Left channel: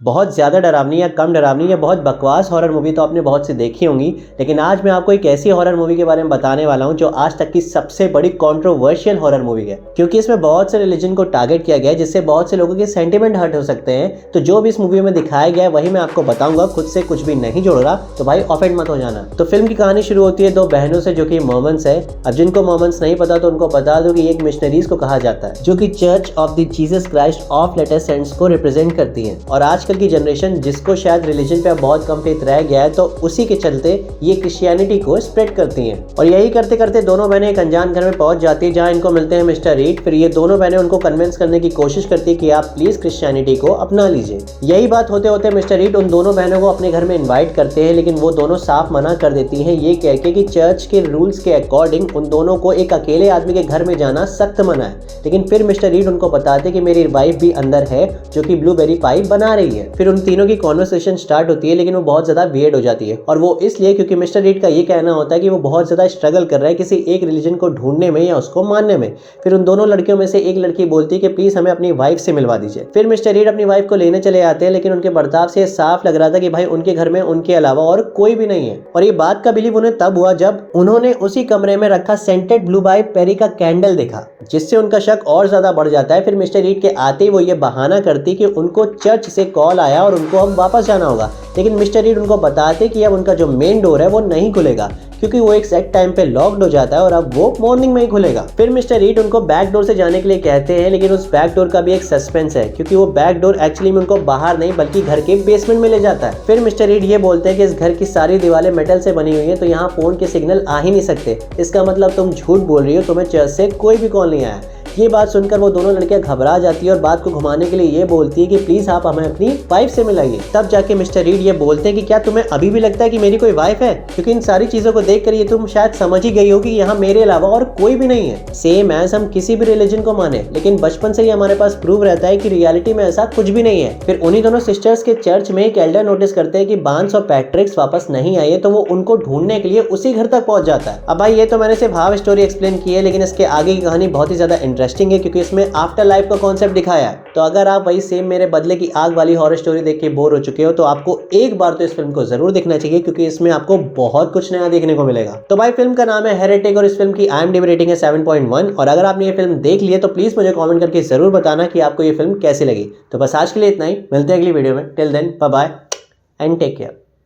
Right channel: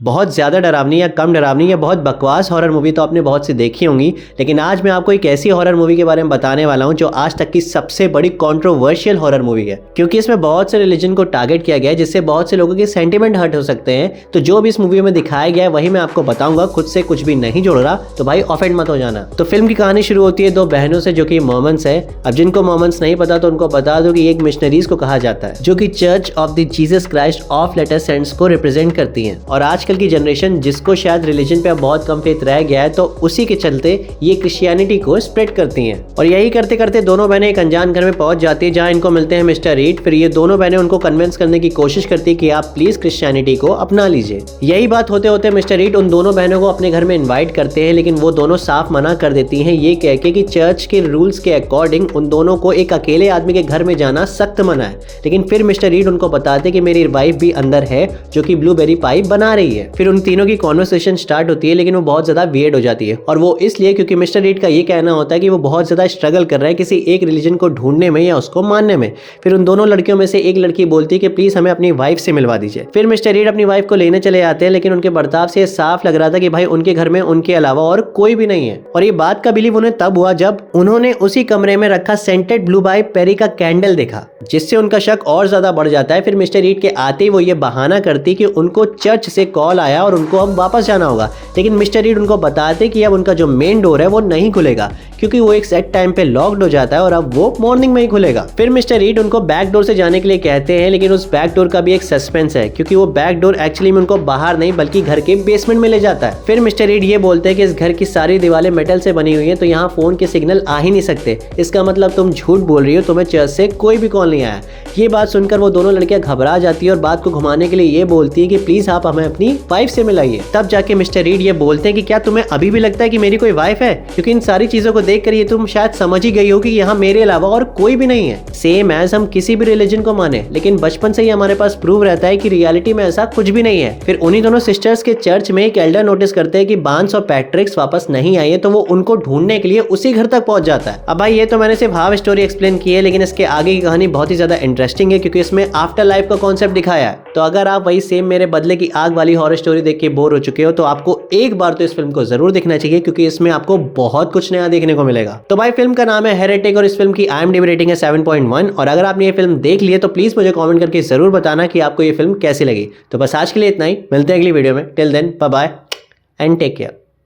बहुत ज़्यादा डरावनी या कम डरावनी या बहुत बकवास हॉरर मूवी तो आपने बहुत सी देखी होंगी, लेकिन आज मैं आपको एक ऐसी हॉरर मूवी के बारे में बताने वाला हूं जो आज तक की सबसे बड़ी कंट्रोवर्शियल हॉरर मूवी है। क्योंकि इसमें बहुत से रिलीजन को टारगेट किया गया है, जिससे बहुत से लोगों के सेंटिमेंट हर्ट हो सकते हैं। तो जो भी इस मूवी में दिखाया गया है वही मैं आपको बताऊंगा, खुद से कुछ भी नहीं जोड़ रहा, तो भाई ऑफेंड मत हो जाना। तो फिल्म की कहानी शुरू होती है दो बहनों से जो कि मोमन्स है। अब जिनको मोमन्स नहीं पता तो उनको बता दो कि एक मिशनरीज को कहा जाता है जो कि church of the Jesus Christ of Latter Saints को रिप्रेजेंट करती है। और आजकल की जनरेशन जिसको शायद रिलीजन पे अब बहुत कम फेथ रह गया है, तो उसी के चलते ये क्रिश्चियनिटी को स्प्रेड करती हैं। और यही करते करते दोनों बहनें एक अनजान घर में पहुंच जाती है जहां इनको मिलते हैं मिस्टर रीड। फिर ये दोनों बहनें उनको कन्विंस करने की कोशिश करती है कि आप प्लीज क्रिश्चियनिटी को अपना लीजिए। यही बात होते होते मिस्टर रीड उन दोनों बहनों को अपने घर में इन्वाइट करते हैं, लेकिन वो दोनों साफ मना कर देती हैं, ये कह के कि चर्च के रूल्स के अकॉर्डिंग उन दोनों को एक अकेले आदमी के घर में जाना सख्त मना है। लेकिन फिर मिस्टर रीड उनको बताते कि मेरी वाइफ भी अंदर है जो कि ब्लूबेरी पाई बना रही है। फिर उन तीनों की कॉन्वर्सेशन स्टार्ट होती है, लेकिन वो बहुत ज्यादा वियर्ड हो जाती है। और वो इसलिए क्योंकि मिस्टर रीड का ये कहना होता है कि वो बहुत ज्यादा स्ट्रगल कर रहा है किसी एक रिलीजन को ढूंढने में या उसको मानने में। फिर उन दोनों लड़कियों में से एक लड़की बोलती है कि प्लीज हमें अपनी वाइफ से मिलवा दीजिए। फिर मिस्टर रीड अपनी वाइफ को लेने चले आते हैं, लेकिन उनके बर्ताव से साफ लग रहा था कि भाई उनके घर में उनके अलावा और कोई भी नहीं है। और ये बात का बिलीव उन्हें तब हुआ जब उन्होंने उसी कमरे में रखा सेंटेड ब्लू बाई पेरी का कैंडल देखा, जिससे उनका शक और ज्यादा बढ़ जाता है। फिर मिस्टर रीड के आते ही वो ये बहाना करती कि उनको चर्च से कॉल आया और उनको अब वापस जाना होगा। लेकिन मिस्टर रीड उनको बताते कि अब उनका जो मेन डोर है वो नहीं खुलेगा, क्योंकि वो एक सेट टाइम पे लॉक्ड हो जाता है और अब वो मॉर्निंग में ही खुलेगा। फिर मिस्टर रीड उनको बैक डोर से जाने के लिए कहते हैं, लेकिन उस बैक डोर का भी एक सस्पेंस है, क्योंकि वो बैक डोर एक्चुअली में उनको बाहर नहीं बल्कि घर के बेसमेंट में ले जाता है। फिर मिस्टर रीड ये बोलते हैं कि इस घर की सारी दीवारें मेटल से बनी हुई है, तो यहाँ फोन के सिग्नल आ ही नहीं सकते। इसका मतलब तुम झूठ बोल रही हो, तुम्हें चर्च से कोई भी कॉल नहीं आया। ये बात सुनकर वो दोनों लड़कियां घबरा जाती है और बात को घुमाने के लिए ये बोलती है कि प्लीज आप हमें अपनी वाइफ से मिलाइए। तब जाके मिस्टर रीड ये बोलते हैं कि क्या तुम्हें अभी भी लगता है कि मेरी कोई वाइफ है, क्योंकि इन सारी चीजों को देख कर ये तुम शायद समझ ही गई हो कि यहाँ मेरे अलावा और कोई भी नहीं है। सेम एज हम किसी भी रिलीजन को माने, लेकिन बचपन से ही हमारे पास प्रूव रहता है कि रियलिटी में ऐसा कुछ भी नहीं है। फिर उन्हीं दोनों सिस्टर्स के चर्च में एक एल्डर नोटिस करते हैं कि बांस और पैट्रिक्स वापस नहीं आई है, तो वो उनको ढूंढने के लिए उसी घर तक पहुंच जाता है। अब भाई ये तो मैंने सिर्फ हाफ स्टोरी एक्सप्लेन की है, लेकिन इसके आगे की कहानी बहुत ही ज्यादा इंटरेस्टिंग है, क्योंकि इसमें आफ्टर लाइफ का कॉन्सेप्ट दिखाया है। तो अगर आप वही सेम मेरे बदले की आग वाली हॉरर स्टोरी देख के बोर हो चुके हो, तो आपको एक बार तो इस फिल्म को जरूर देखना चाहिए, क्योंकि इसमें आपको बहुत कुछ नया देखने को मिलेगा। तो भाई फिल्म का नाम है हेरेटिक और इस फिल्म की IMDb रेटिंग है 7.1। और अगर आपने ये फिल्म देख ली है तो प्लीज मुझे कमेंट करके जरूर बताना कि आपको ये फिल्म कैसी लगी। तो बस आज के लिए इतना ही, मिलते हैं अगली वीडियो में। Till then bye bye and take care.